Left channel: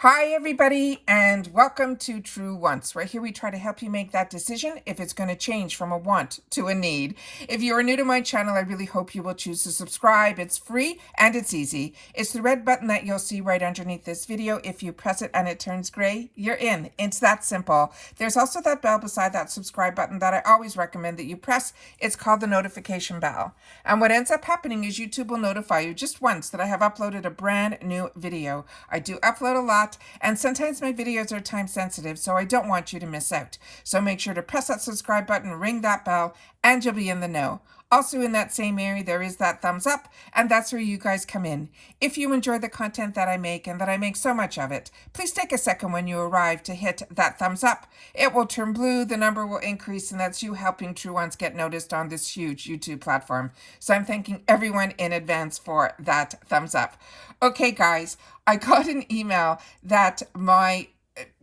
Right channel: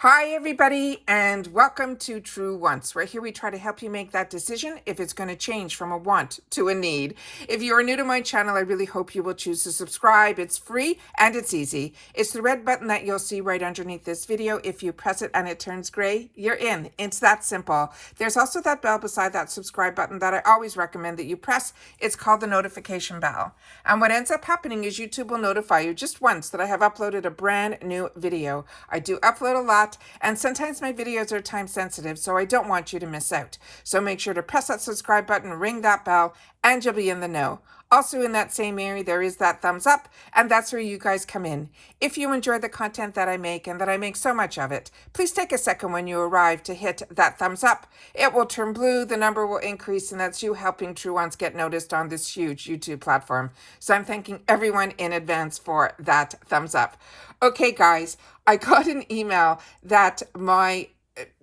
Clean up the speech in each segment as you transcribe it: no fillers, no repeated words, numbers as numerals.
Hi, everybody, and welcome to True Wants. Right here, we try to help you make that decision if it's going to change from a want to a need. If you are new to my channel, I really hope you will choose to subscribe. It's free and it's easy. It's the red button that you'll see right underneath this video. If you press it and it turns gray, you're in. It's that simple. There's also that bell beside that subscribe button that I always recommend that you press. It's called the notification bell. And what ends up happening is YouTube will notify you just once that I have uploaded a brand new video. I do upload a lot. And sometimes my videos are time sensitive, so I don't want you to miss out. So make sure to press that subscribe button, ring that bell, and you'll be in the know. Also in that same area, there is that thumbs up, and that's where you guys come in. If you enjoy the content that I make, and that I make so much of it, please take a second when you arrive to hit that thumbs up. It will turn blue, the number will increase, and that's you helping True Ones get noticed on this huge YouTube platform. So I'm thanking everyone in advance for that thumbs up. Okay, guys, I got an email that my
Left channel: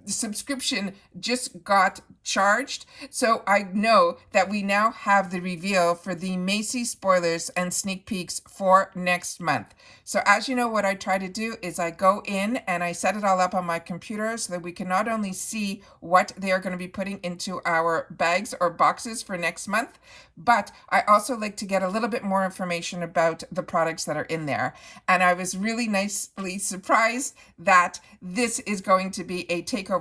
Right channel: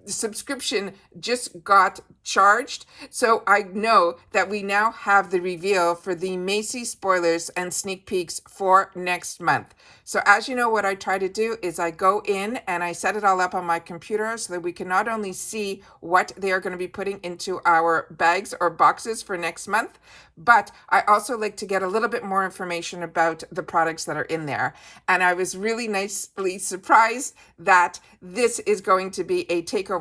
subscription just got charged. So I know that we now have the reveal for the MACYS spoilers and sneak peeks for next month. So as you know, what I try to do is I go in and I set it all up on my computer so that we can not only see what they are going to be putting into our bags or boxes for next month, but I also like to get a little bit more information about the products that are in there. And I was really nicely surprised that this is going to be a takeover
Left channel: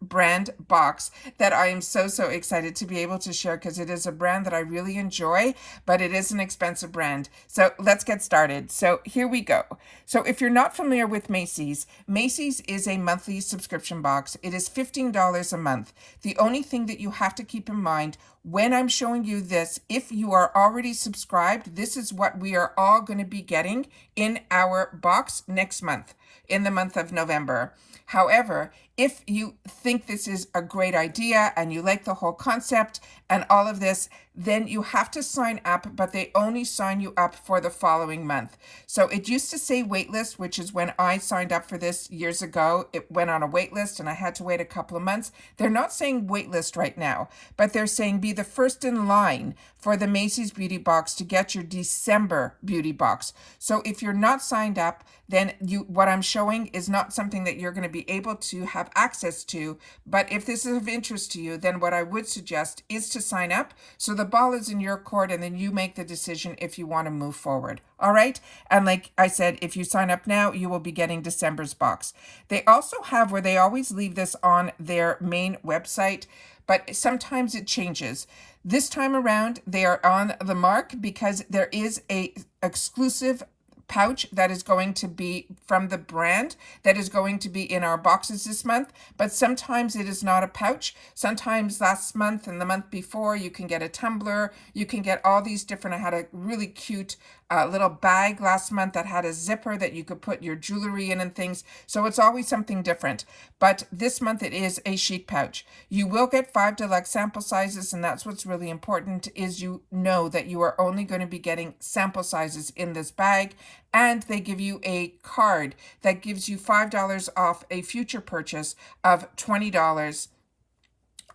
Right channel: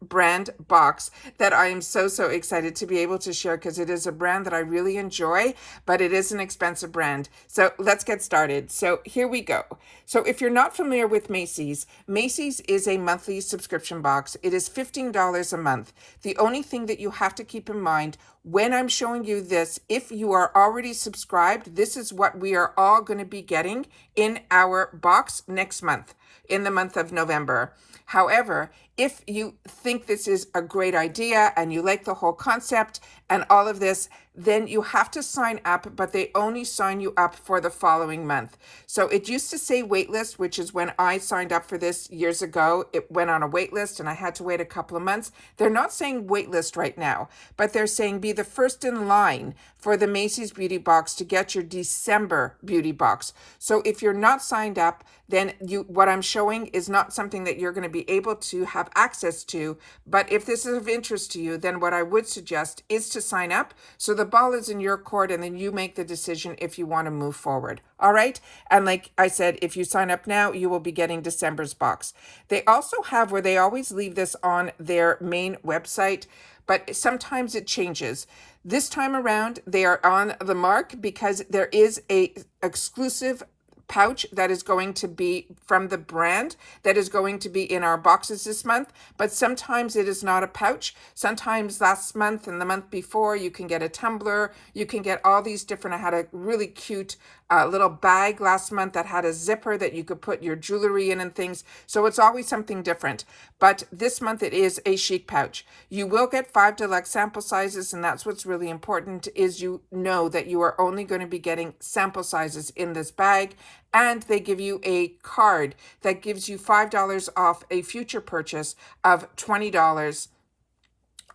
brand box that I am so excited to be able to share, because it is a brand that I really enjoy, but it is an expensive brand. So let's get started. So here we go. So if you're not familiar with MACYS, MACYS is a monthly subscription box. It is $15 a month. The only thing that you have to keep in mind when I'm showing you this, if you are already subscribed, this is what we are all going to be getting in our box next month, in the month of November. However, if you think this is a great idea and you like the whole concept and all of this, then you have to sign up, but they only sign you up for the following month. So it used to say waitlist, which is when I signed up for this years ago. It went on a waitlist and I had to wait a couple of months. They're not saying waitlist right now, but they're saying be the first in line for the MACYS beauty box to get your December beauty box. So if you're not signed up, then what I'm showing is not something that you're going to be able to have access to. But if this is of interest to you, then what I would suggest is to sign up so the ball is in your court, and then you make the decision if you want to move forward. All right. And like I said, if you sign up now, you will be getting December's box. They also have, where they always leave this on their main website, but sometimes it changes. This time around, they are on the mark because there is a exclusive pouch that is going to be from the brand that is going to be in our boxes this month. But sometimes it is not a pouch. Sometimes last month and the month before, you can get a tumbler. You can get all these different. I had a really cute little bag last month that had a zipper that you could put your jewelry in and things. So it's always something different. But this month it is a chic pouch. You will get 5 deluxe sample sizes, and that's what's really important, is you know that you are only going to be getting sample sizes in this bag. And they give you a card that gives you $5 off a future purchase of $20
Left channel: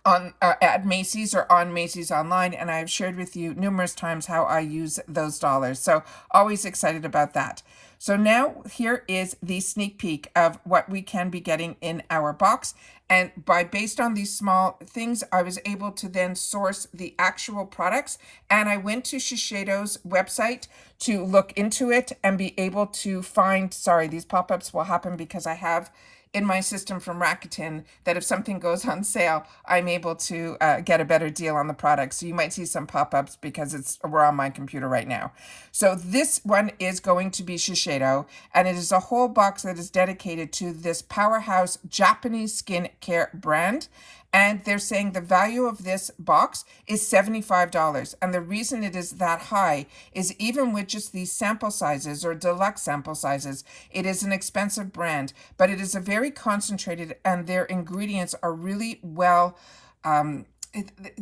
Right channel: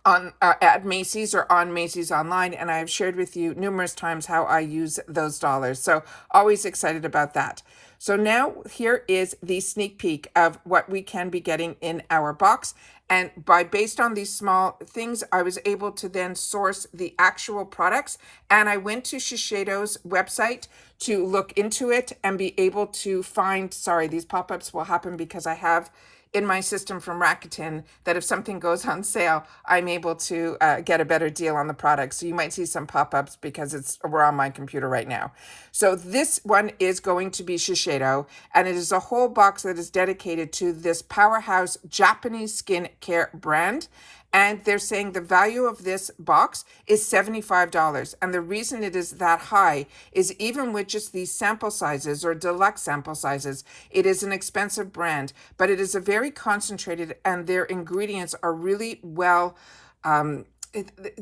on at MACYS or on MACYS online, and I have shared with you numerous times how I use those dollars. So always excited about that. So now here is the sneak peek of what we can be getting in our box. And based on these small things, I was able to then source the actual products. And I went to Shiseido's website to look into it and be able to find, sorry, these pop-ups will happen because I have in my system from Rakuten that if something goes on sale, I'm able to get a better deal on the product. So you might see some pop-ups because we're on my computer right now. So this one is going to be Shiseido, and it is a whole box that is dedicated to this powerhouse Japanese skincare brand. And they're saying the value of this box is $75. And the reason it is that high is even with just these sample sizes or deluxe sample sizes, it is an expensive brand, but it is a very concentrated, and their ingredients are really well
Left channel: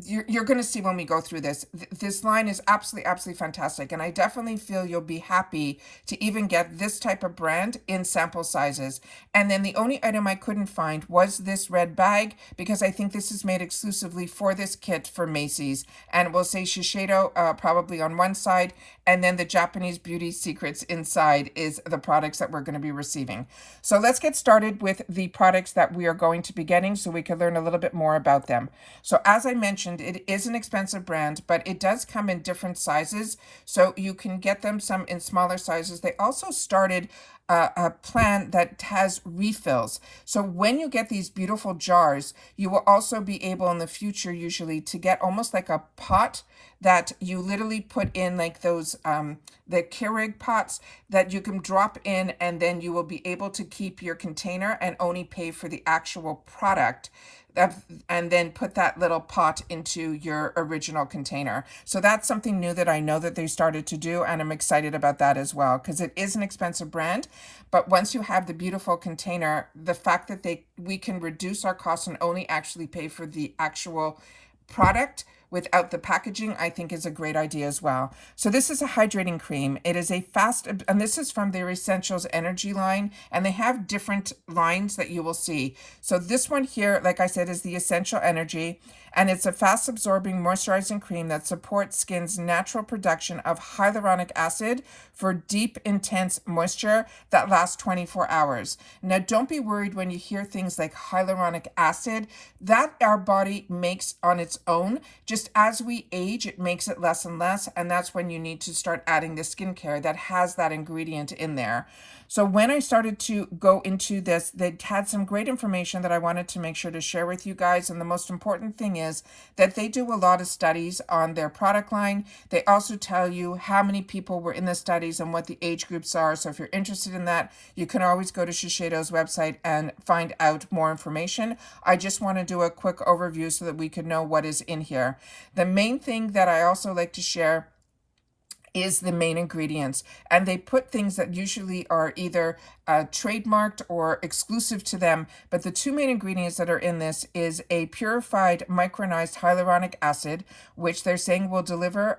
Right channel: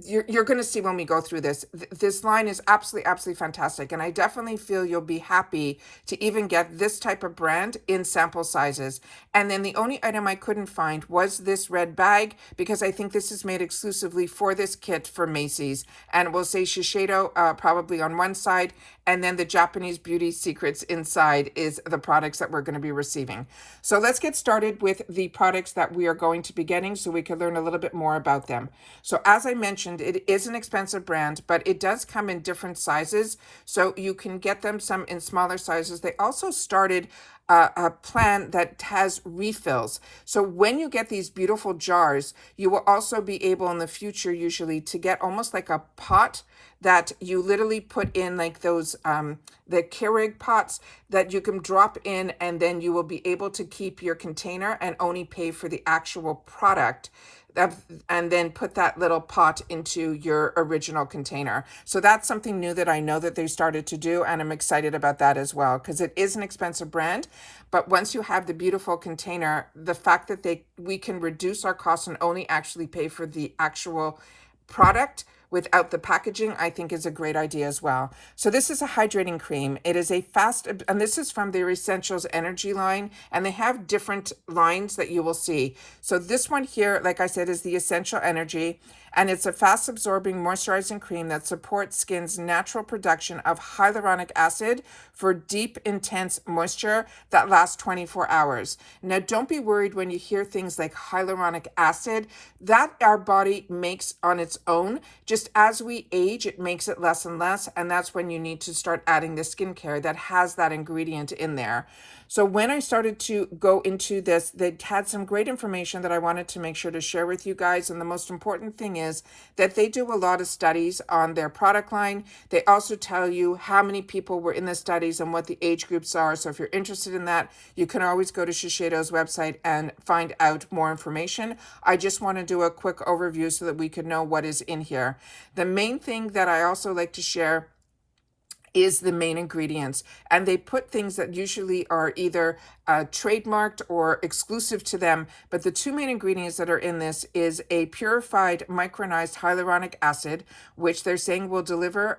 You're going to see when we go through this. This line is absolutely fantastic, and I definitely feel you'll be happy to even get this type of brand in sample sizes. And then the only item I couldn't find was this red bag, because I think this is made exclusively for this kit for Macy's, and it will say Shiseido probably on one side, and then the Japanese beauty secrets inside is the products that we're going to be receiving. So let's get started with the products that we are going to be getting so we can learn a little bit more about them. So as I mentioned, it is an expensive brand, but it does come in different sizes. So you can get them some in smaller sizes. They also started a plan that has refills. So when you get these beautiful jars, you will also be able in the future usually to get almost like a pot that you literally put in, like those the Keurig pots that you can drop in, and then you will be able to keep your container and only pay for the actual product, and then put that little pot into your original container. So that's something new that I know that they started to do, and I'm excited about that as well, because it is an expensive brand. But once you have the beautiful container, the fact that we can reduce our costs and only actually pay for the actual product without the packaging, I think is a great idea as well. So this is a hydrating cream. It is a fast, and this is from their Essentials Energy line, and they have different lines that you will see. So this one here, like I said, is the Essential Energy, and it's a fast absorbing moisturizing cream that supports skin's natural production of hyaluronic acid for deep, intense moisture that lasts 24 hours. Now, don't be worried when you hear things like hyaluronic acid. That our body makes on its own. Just as we age, it makes it less and less, and that's when you need to start adding the skincare that has that ingredient in there. So when I started to go into this, they had some great information that I wanted to make sure to share with you guys. And the most important thing is that they do a lot of studies on their product line. They also tell you how many people were in the studies and what the age groups are. So if you're interested in that, you can always go to Shiseido's website and find out more information. I just want to do a quick overview so that we could know what is in here. The main thing that I also like to share is the main ingredients, and they put things that usually are either trademarked or exclusive to them. But the two main ingredients that are in this is a purified micronized hyaluronic acid, which they're saying will deliver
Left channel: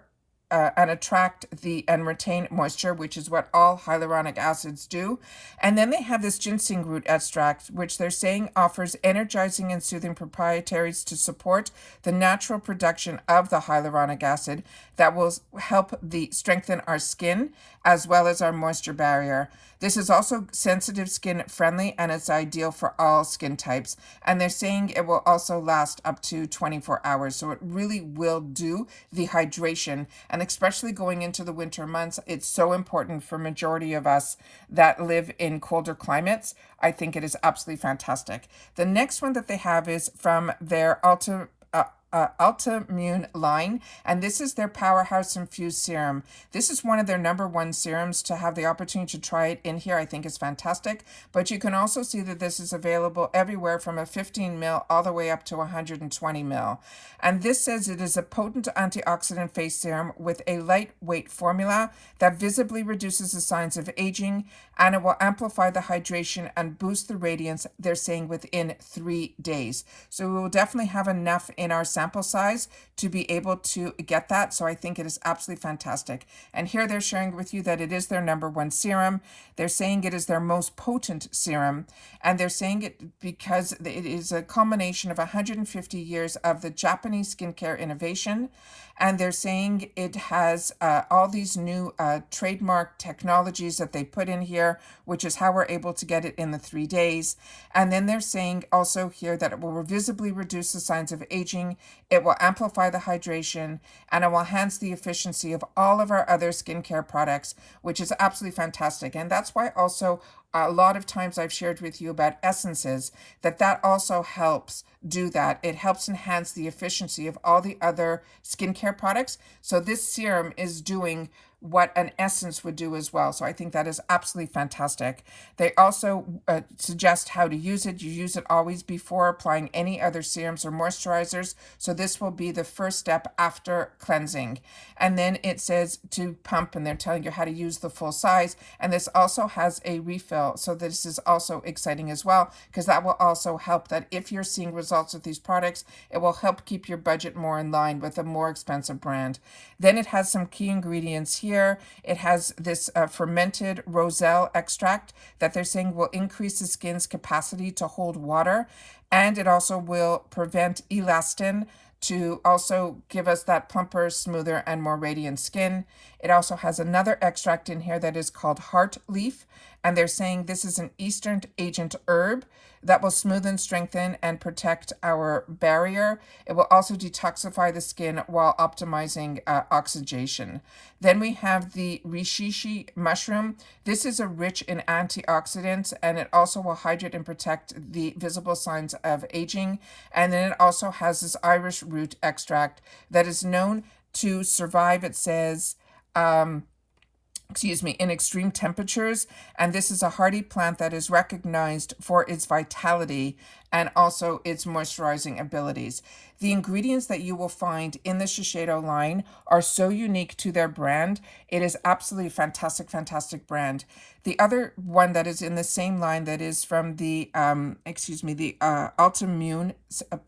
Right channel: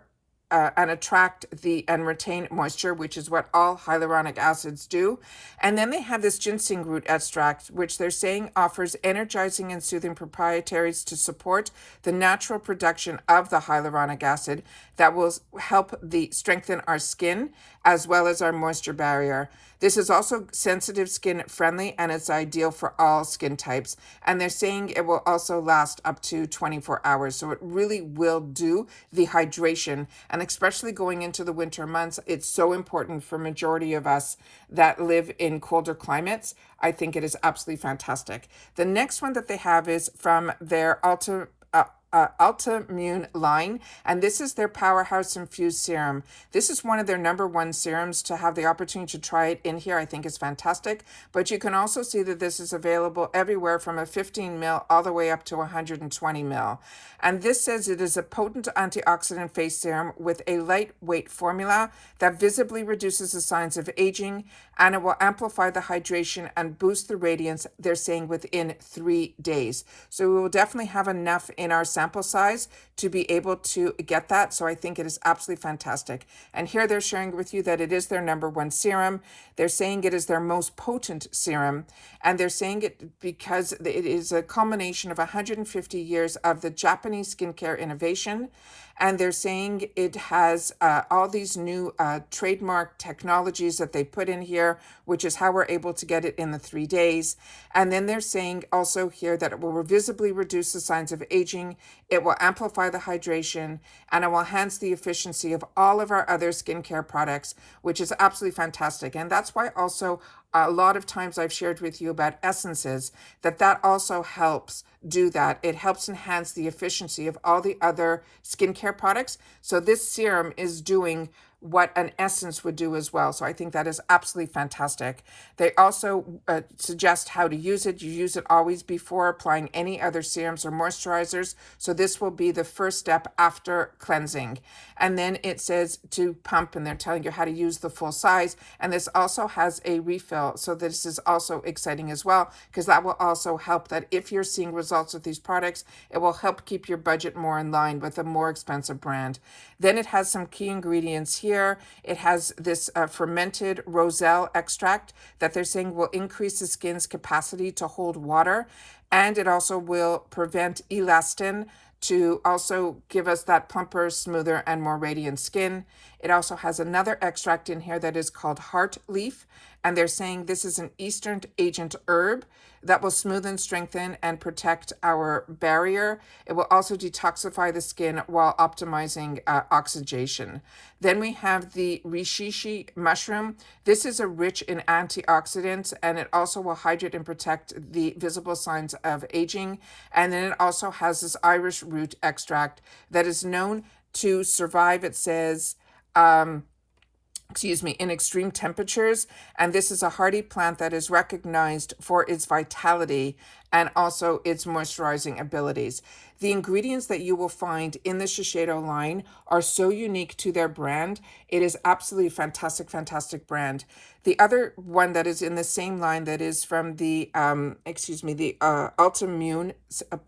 and attract and retain moisture, which is what all hyaluronic acids do. And then they have this ginseng root extract, which they're saying offers energizing and soothing proprietarities to support the natural production of the hyaluronic acid that will help strengthen our skin as well as our moisture barrier. This is also sensitive skin friendly, and it's ideal for all skin types. And they're saying it will also last up to 24 hours. So it really will do the hydration. And especially going into the winter months, it's so important for majority of us that live in colder climates. I think it is absolutely fantastic. The next one that they have is from their ULTA Immune line, and this is their Powerhouse Infused Serum. This is one of their number one serums. To have the opportunity to try it in here, I think is fantastic. But you can also see that this is available everywhere from a 15 ml all the way up to 120 ml. And this says it is a potent antioxidant face serum with a lightweight formula that visibly reduces the signs of aging, and it will amplify the hydration and boost the radiance, they're saying, within 3 days. So we will definitely have enough in our sample size to be able to get that. So I think it is absolutely fantastic. And here they're sharing with you that it is their number one serum. They're saying it is their most potent serum. And they're saying it because it is a culmination of 150 years of the Japanese skincare innovation. And they're saying it has all these new trademark technologies that they put in here, which is how we're able to get it in the 3 days. And then they're saying also here that it will visibly reduce the signs of aging, it will amplify the hydration, and it will enhance the efficiency of all of our other skincare products, which is absolutely fantastic. And that's why also a lot of times I've shared with you about essences, that also helps do that. It helps enhance the efficiency of all the other skincare products. So this serum is doing what an essence would do as well. So I think that is absolutely fantastic. They also suggest how to use it. You use it always before applying any other serums or moisturizers. So this will be the first step after cleansing. And then it says to pump, and they're telling you how to use the full size. And this also has a refill. So this is also exciting as well, because that will also help that if you're seeing results with these products, it will help keep your budget more in line with a more expensive brand. Then it has some key ingredients here. It has this fermented roselle extract that they're saying will increase the skin's capacity to hold water. And it also will prevent elastin to also give us that plumper, smoother, and more radiant skin. It also has another extract in here that is called heart leaf. And they're saying this is an Eastern agent herb that will smooth, strengthen, and protect our barrier. It will also detoxify the skin while optimizing oxidation. Then we have the reishi mushroom. This is rich in antioxidants, and it also will hydrate and protect the visible signs of aging. And then it also has this iris root extract that is known to survive, it says, in extreme temperatures. And this is a hardy plant that is recognized for its vitality and also its moisturizing abilities. The ingredients that you will find in the Shiseido line are so unique to their brand. It is absolutely fantastic, fantastic brand. The other one that is in the same line that is from the Ultimune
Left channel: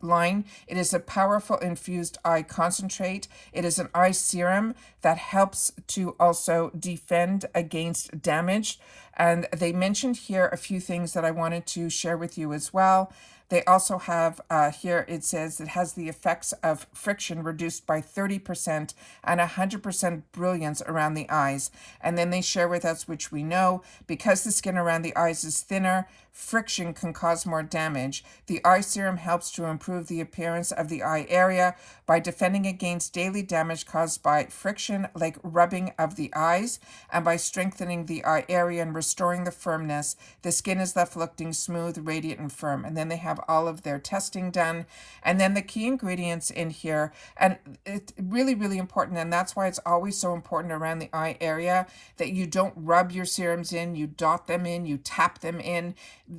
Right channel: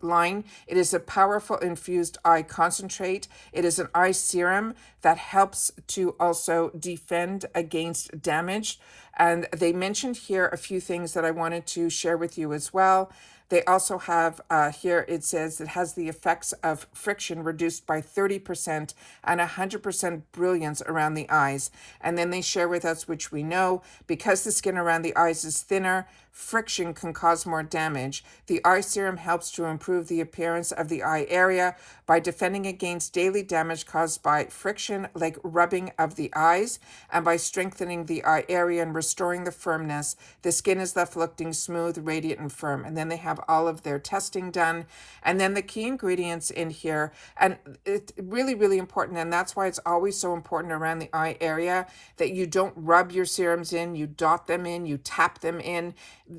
line, it is a powerful infused eye concentrate. It is an eye serum that helps to also defend against damage. And they mentioned here a few things that I wanted to share with you as well. They also have here, it says it has the effects of friction reduced by 30% and 100% brilliance around the eyes. And then they share with us, which we know, because the skin around the eyes is thinner, friction can cause more damage. The eye serum helps to improve the appearance of the eye area by defending against daily damage caused by friction, like rubbing of the eyes, and by strengthening the eye area and restoring the firmness. The skin is left looking smooth, radiant, and firm. And then they have all of their testing done. And then the key ingredients in here, and it's really, really important, and that's why it's always so important around the eye area that you don't rub your serums in, you dot them in, you tap them in.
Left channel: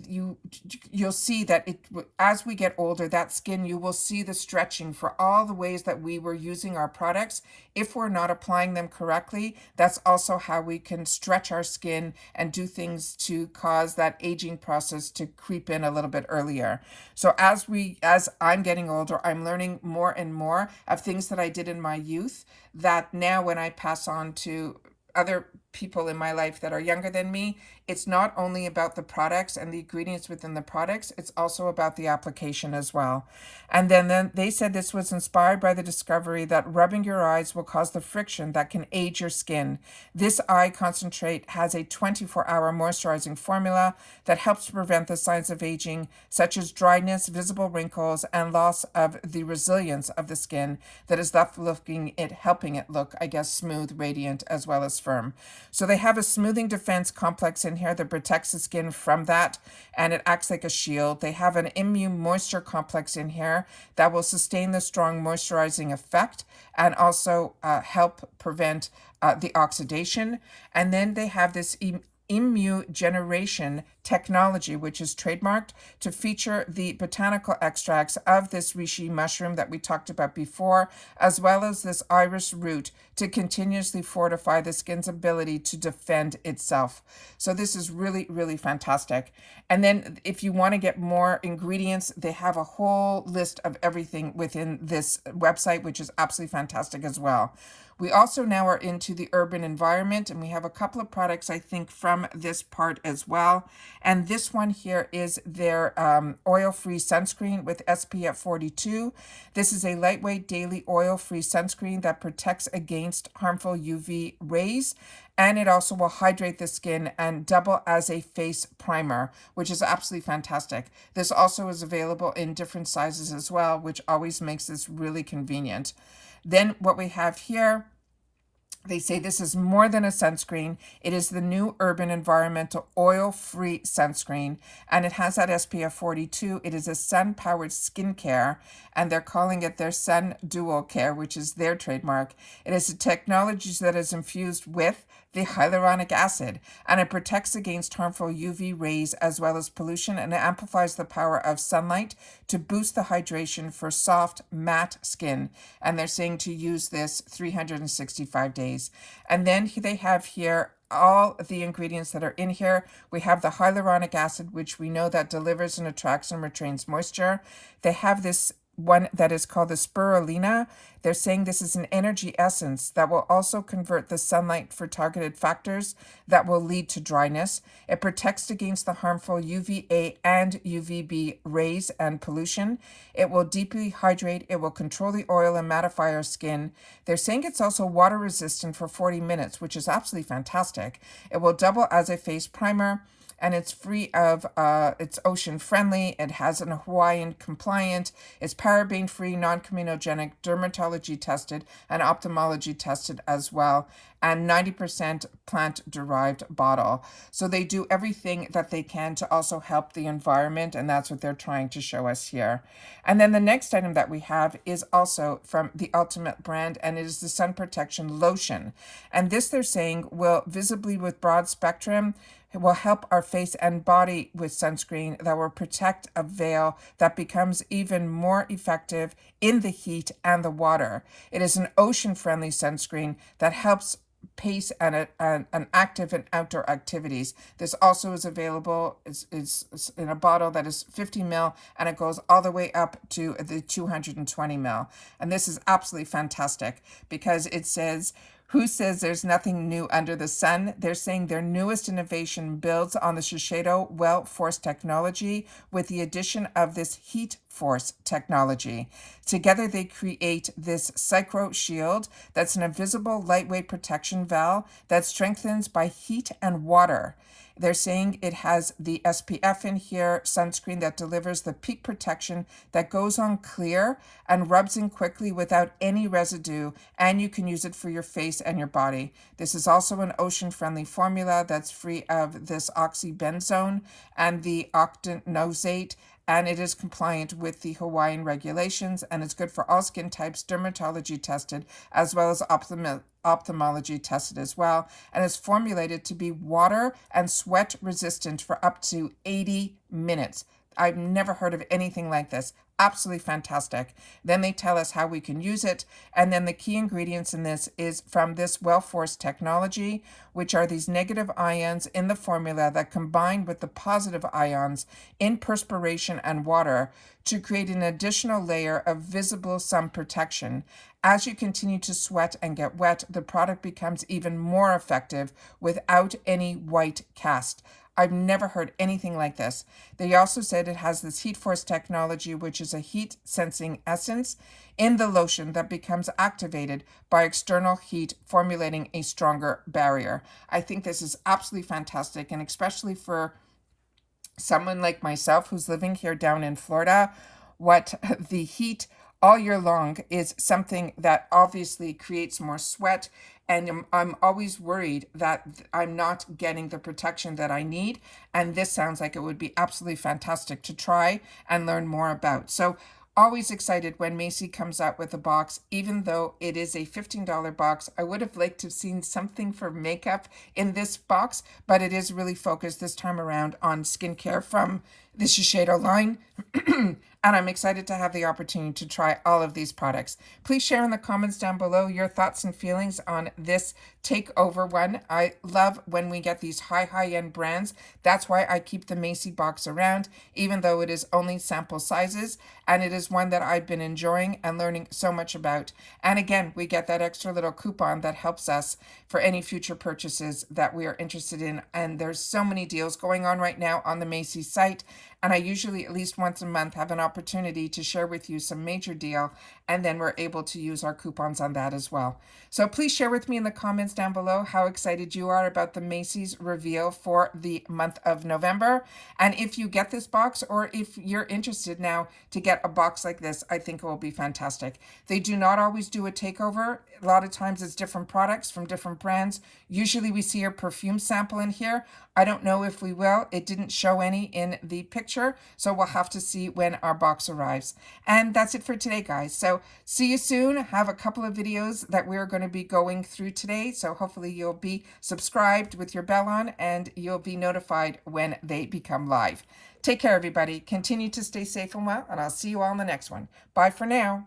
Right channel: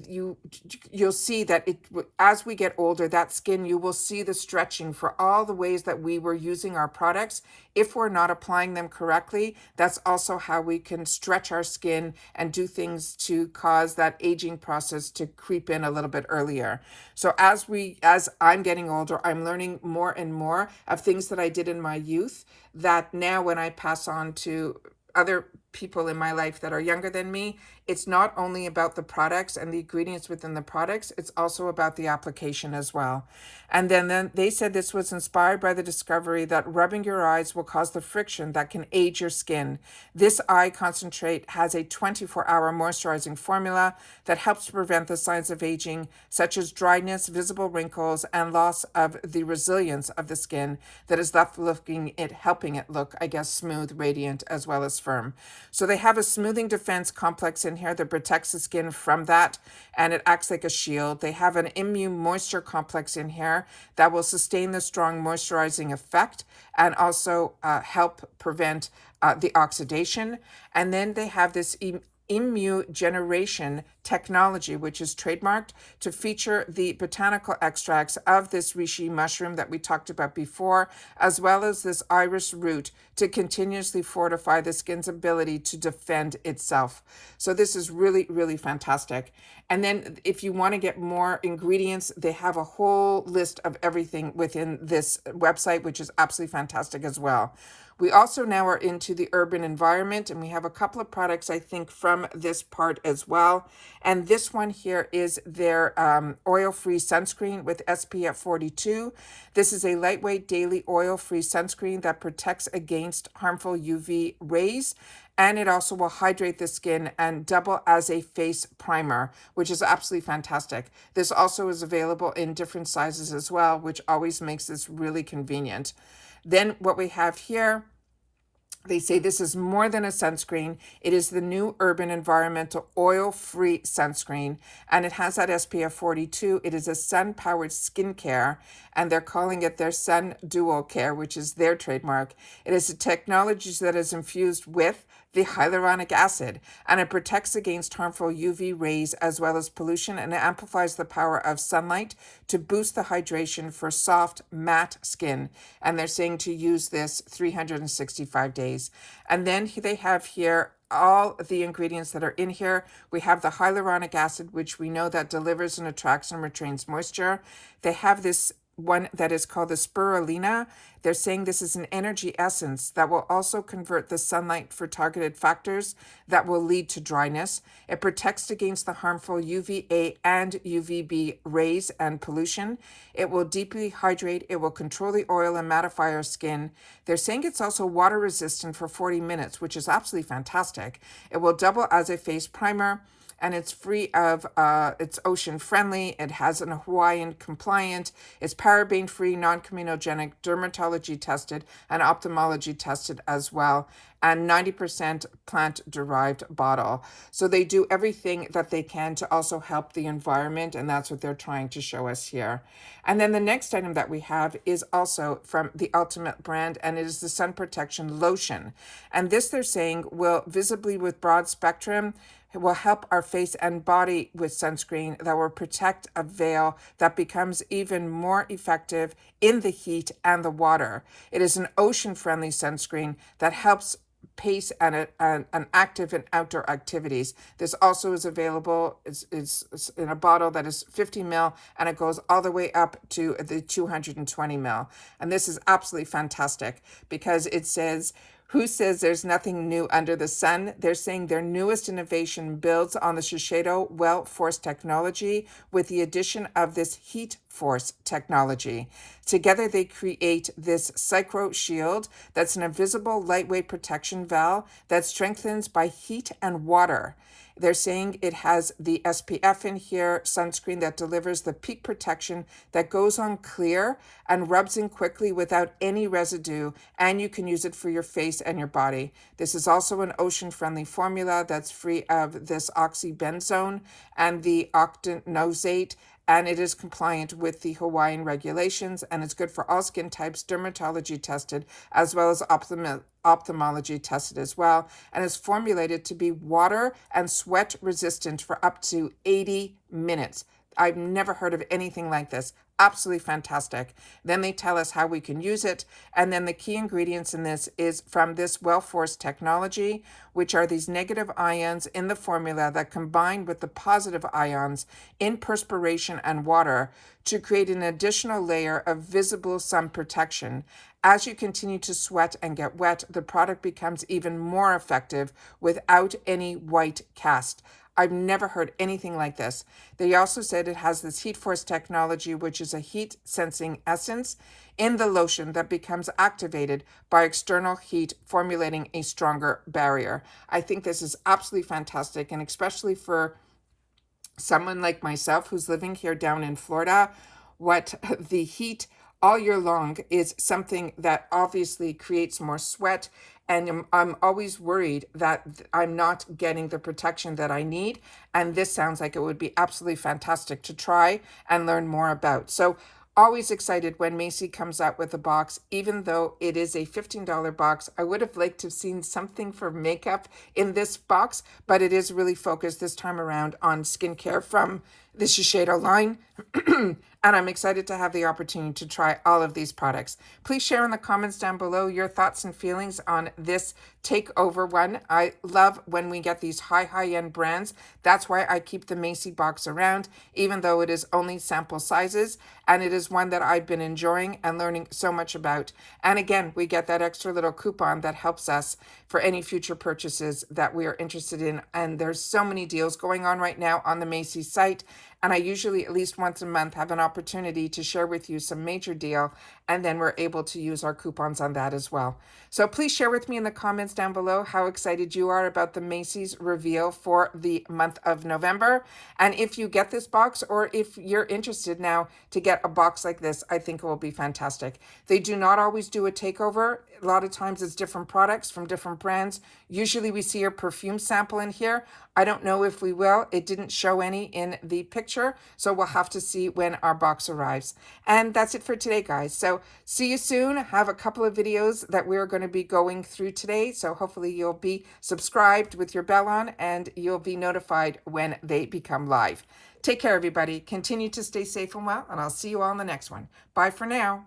You'll see that as we get older, that skin, you will see the stretching for all the ways that we were using our products. If we're not applying them correctly, that's also how we can stretch our skin and do things to cause that aging process to creep in a little bit earlier. So as I'm getting older, I'm learning more and more of things that I did in my youth that now when I pass on to other people in my life that are younger than me, it's not only about the products and the ingredients within the products, it's also about the application as well. And then they said this was inspired by the discovery that rubbing your eyes will cause the friction that can age your skin. This eye concentrate has a 24-hour moisturizing formula that helps to prevent the signs of aging, such as dryness, visible wrinkles, and loss of the resilience of the skin that is left helping it look, I guess, smooth, radiant, as well as firm. So they have a smoothing defense complex in here that protects the skin from that, and it acts like a shield. They have an immune moisture complex in here that will sustain the strong moisturizing effect and also help prevent the oxidation. And then they have this immunogeneration technology, which is trademarked to feature the botanical extracts of this reishi mushroom that we talked about before, as well as this iris root to continuously fortify the skin's ability to defend itself. So this is really, really fantastic. And then if you want to get more ingredients, they have a whole list of everything within this website, which is absolutely fantastic as well. We also now are into the urban environment, and we have a couple of products, I think, from this part as well. And this one here is their oil-free sunscreen with SPF 42. This is a lightweight daily oil-free sunscreen that protects against harmful UV rays. And it also will hydrate the skin and double as a face primer, which is absolutely fantastic. This also is available in different sizes as well, which always makes this really convenient. Then what we have here, They say this is more than a sunscreen. It is the new Urban Environmental Oil-Free Sunscreen, and it has that SPF 42. It is a sun-powered skincare, and they're calling it their Sun Dual Care, which is their trademark. It is a technology that is infused with the hyaluronic acid, and it protects against harmful UV rays as well as pollution, and it amplifies the power of sunlight to boost the hydration for soft, matte skin. And they're saying to use this 365 days. And then they have here all the ingredients that are in here. We have the hyaluronic acid, which we know that delivers and attracts and retains moisture. They have this one that is called the spirulina. They're saying this is an energy essence that will also convert the sunlight for targeted factors that will lead to dryness. It protects against the harmful UVA and UVB rays and pollution. It will deeply hydrate. It will control the oil and mattify our skin. They're saying it's also water resistant for 40 minutes, which is absolutely fantastic. It will double as a face primer, and it's free of, it's ocean friendly. It has an Hawaiian compliant. It's paraben free, non-comedogenic, dermatology tested, and ophthalmology tested as well. And 90% plant derived bottle. So they do everything that they can to also help the environment. And that's what they're trying to show us here. And then the next item that we have is also from the Ultimate brand, and it is the Sun Protection Lotion. And this, they're saying, will visibly with broad spectrum, it will help our face and body with sunscreen that will protect a veil that becomes even more effective in the heat and the water. It is an ocean-friendly sunscreen that helps pace and an active and outdoor activities. This also is available is in a bottle that is 50 ml, and it goes all the way up to the 220 ml. And this is absolutely fantastic because it says, who says there's nothing new under the sun? They're saying their newest innovation builds on the Shiseido Well Force technology with the addition of this Heat Force technology. Together, they create this Psycho Shield that's an invisible lightweight protection valve that strengthens by heat and water. They're saying it has the SPF in here, sunscreen that delivers the peak protection that goes on clear and rubs in quickly without any residue, and you can use it for your face and your body. This is also an ocean-friendly formula that's free of this oxybenzone and the octinoxate, and it is compliant with the Hawaiian regulations, and it's good for all skin types, dermatology tested, as well as ophthalmology tested as well, and is formulated to be water and sweat resistant for up to 80 minutes. I've never heard of anything like this. Absolutely fantastic. Then they tell us how we can use it. And then the key ingredients in this is from this Well Force technology, which are these negative ions in the formula that combine with the positive ions in perspiration and water to create an additional layer of visible sun protection. As you continue to sweat and get wet, the product becomes even more effective without any white cast. I've never heard anything like this. They also said it has this Heat Force technology, which is a heat sensing essence in the lotion that becomes activated by external heat, formulating a stronger barrier. I think this is absolutely fantastic, and especially for someone like myself who's living here down in Florida, what the heat all year long is something that obviously creates more sweat, and I'm always worried that I'm not getting the protection that I need, and this sounds like it would be absolutely fantastic to try and learn more about. So always excited when MACY comes out with a box, even though it is a $15 box. I would have liked to have seen something for makeup in this box, but it is really focused this time around on skincare from the Shiseido line. And I'm excited to have the opportunity to try all of these products. Please share in the comments down below your thoughts and feelings on this takeover one. I love when we get these high-end brands. That's why I keep the MACY box around, even though it is only sample sizes. And it is one that I've been enjoying and learning so much about. And again, we get that extra little coupon that helps us for any future purchases that we are interested in. And there's so many deals going on right now on the MACY site. And I usually at least once a month have an opportunity to share with you some major deal, and then we're able to use our coupons on that as well. So please share with me in the comments down below how excited you are about the Macy's reveal for the month of November. And if you get this box, or if you're interested now to get a box like this, I think it will be fantastic. They do not always do a takeover. A lot of times it's different products from different brands. Usually we see a perfume sample in here. I don't know if we will. It didn't show any in the picture, so we'll have to see when our box arrives. And that's it for today, guys. So see you soon. Have a couple of videos that we're going to be going through today, so hopefully you'll be subscribed with your bell on and you'll be notified when they become live. Take care, everybody. Continue to stay safe and well, and I'll see you all in the next one. Bye for now.